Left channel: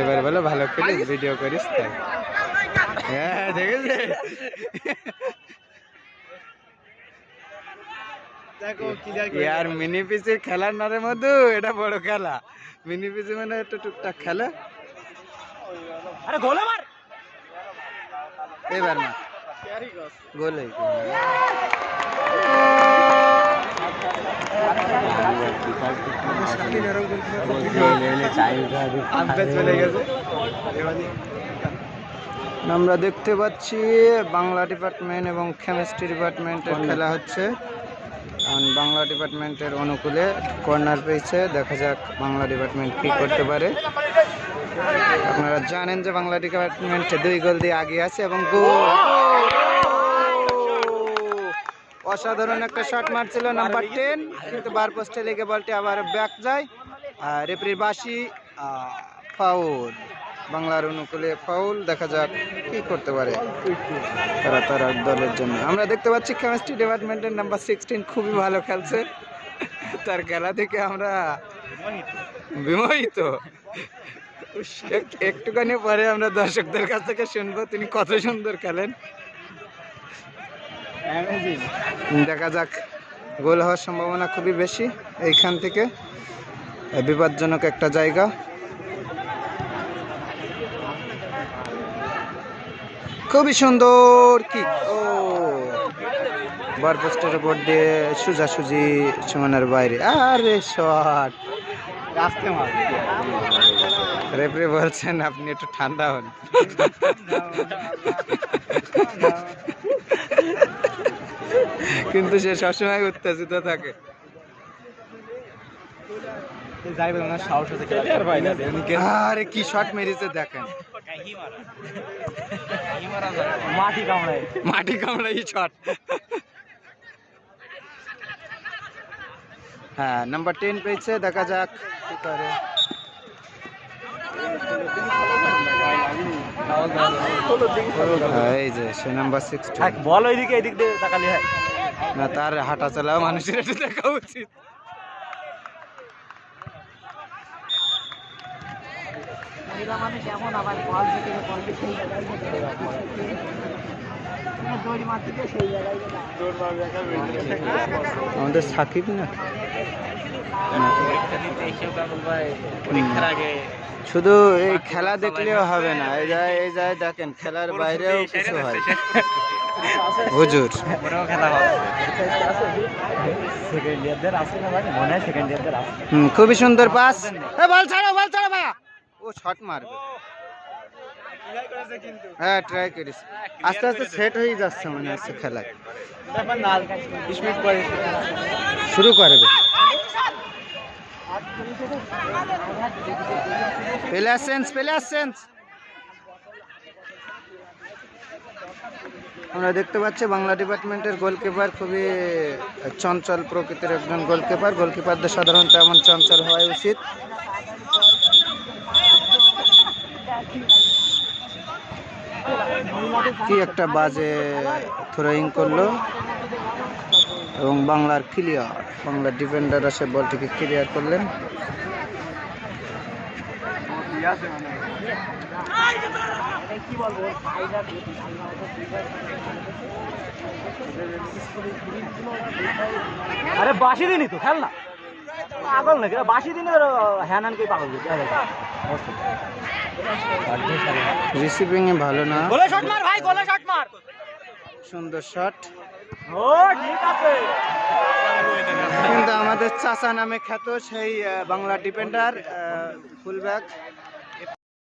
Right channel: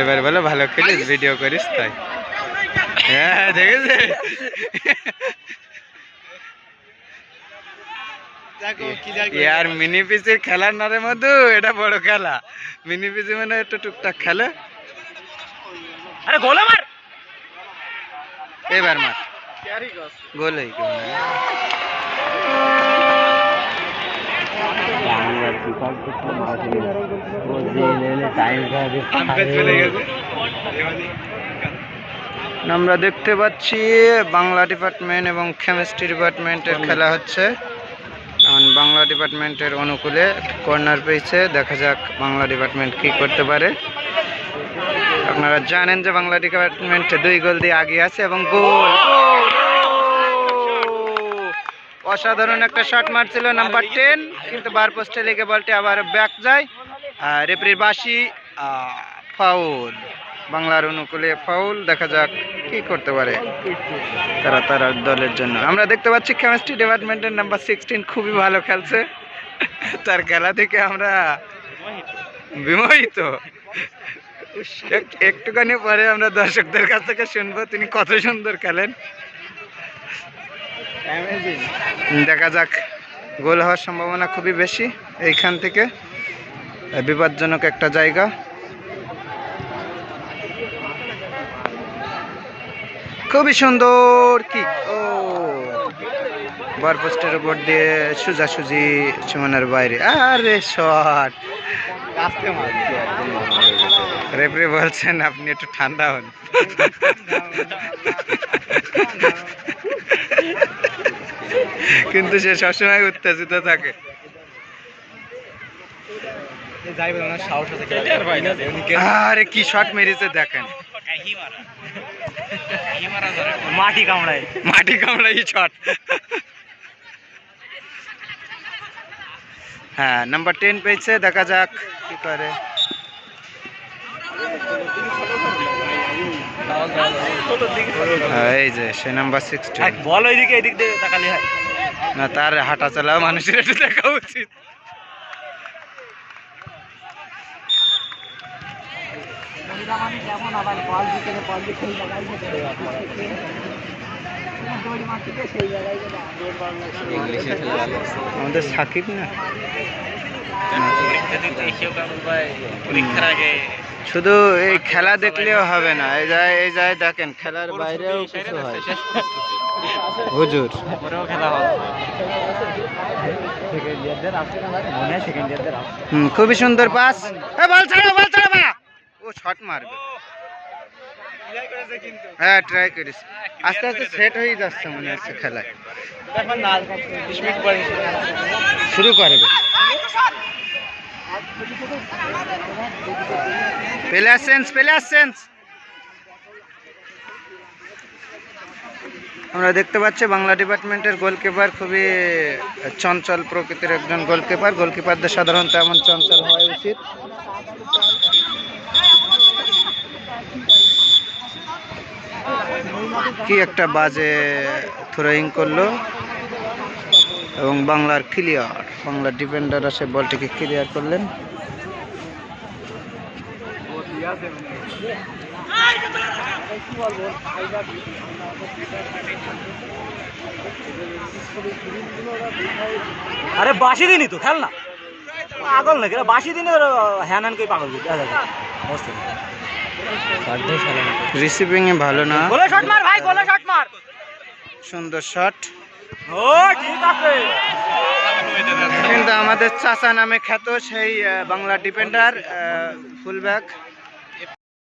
এবার বলো ভালো খেলিস, ভিডিও করিস তাই। হ্যাঁ দেখেছে, ইয়ার মিনি পিসির খেলার নারে মধু, এটা বড় খেলা। মিনি পিসি মানে একটু টুকটাক খেলে। আরে গোল মার, এবার মার গোল হই আমরা দেখতে পাচ্ছি বাংলা ডিপার্টমেন্ট এবং কেমিস্ট্রি ডিপার্টমেন্টের খেলা হচ্ছে। বাংলা ডিপার্টমেন্টের অনুকূলে কর্নার পেয়েছে, দেখা যাক বাংলা ডিপার্টমেন্ট কি করতে পারে। আপনারা জানেন যে বাংলা ডিপার্টমেন্ট 2 গোল দিয়ে আগে আছে এবং গোল, অসাধারণ একটা শট মারছিল নাম্বার 10, কিন্তু বার পোস্টে লেগে বলটি আবার ব্যাক যায়। রেফারির বাঁশি, ফাউল, বাংলার অনুকূলে ফাউল। দেখা যাক কি করতে পারে তারা দলের জন্য। আমরা দেখতে পাচ্ছি কেমিস্ট্রি ডিপার্টমেন্টের নাম্বার 16 খুবই ভালো খেলছে, তার খেলা থেকে আমরা বিমোহিত। একটুখানি পরে আমরা দর্শকদের কাছ থেকে শুনবো তিনি কত সুন্দর খেলেন। দেখা যাক, গোল হওয়ার সম্ভাবনা খুবই বেশি এইখান থেকে, বিপজ্জনক একটা জায়গা। খুবই সুন্দর কিক, ও বার পোস্টের উপর দিয়ে সোজাসুজি সীমানার বাইরে। আরে শট, রেফারি বলছেন আপনি একটু ঠান্ডা হন। কিন্তু সে সবসময় উত্তেজিত থাকে। আরে কি শট মেরেছে দেখেন, মাটি কামড়াই শট। হ্যাঁ, নাম্বার 10 পেয়েছে, দেখা যাক কি করে। এই যে সে নাম্বার 16, বল ওইদিকে, এদিক দিয়ে তাকালি হয় না, তার হাঁটা চলা মানুষের একটু দেখা উচিত। আমাদের সাকিব না, শুধু এই খেলা দেখলেও হবে না, এই যায় দেখেন খেলার বাইরেও কিছু হয়। হুজুর খুবই সুন্দর পাস, বল ছাড়ো ভাইয়া, ও শট মারবে। হ্যাঁ ট্রাই করিস, আস্তে আস্তে সেট হয়ে যাচ্ছে মনে হচ্ছে খেলায়, শুরু করে দে। প্লেয়ার আমরা দেখতে পাচ্ছি বাংলা ডিপার্টমেন্টের গোলকিপার খুবই চঞ্চল প্রকৃতির একজন গোলকিপারদের সাধারণত এমন চঞ্চল হওয়া উচিত। কি একটা বাজে থ্রোয়িং করলো এবং বাংলার ডিফেন্ডার আসে বলটিকে ক্লিয়ার করলেন। আরে বাসি দিনই তো খেল না, পাগল নাকি বাসি দিনে হ্যানানকে পাগল রিসিভিং এ ভালো না, গোলে শট মার ভাই, গোলে শট মার, সুন্দর শট। ও ঠিক আছে, কিন্তু আমাদের চাচা নামে খ্যাত সেই বাংলা ডিফেন্ডার ফুলব্যাক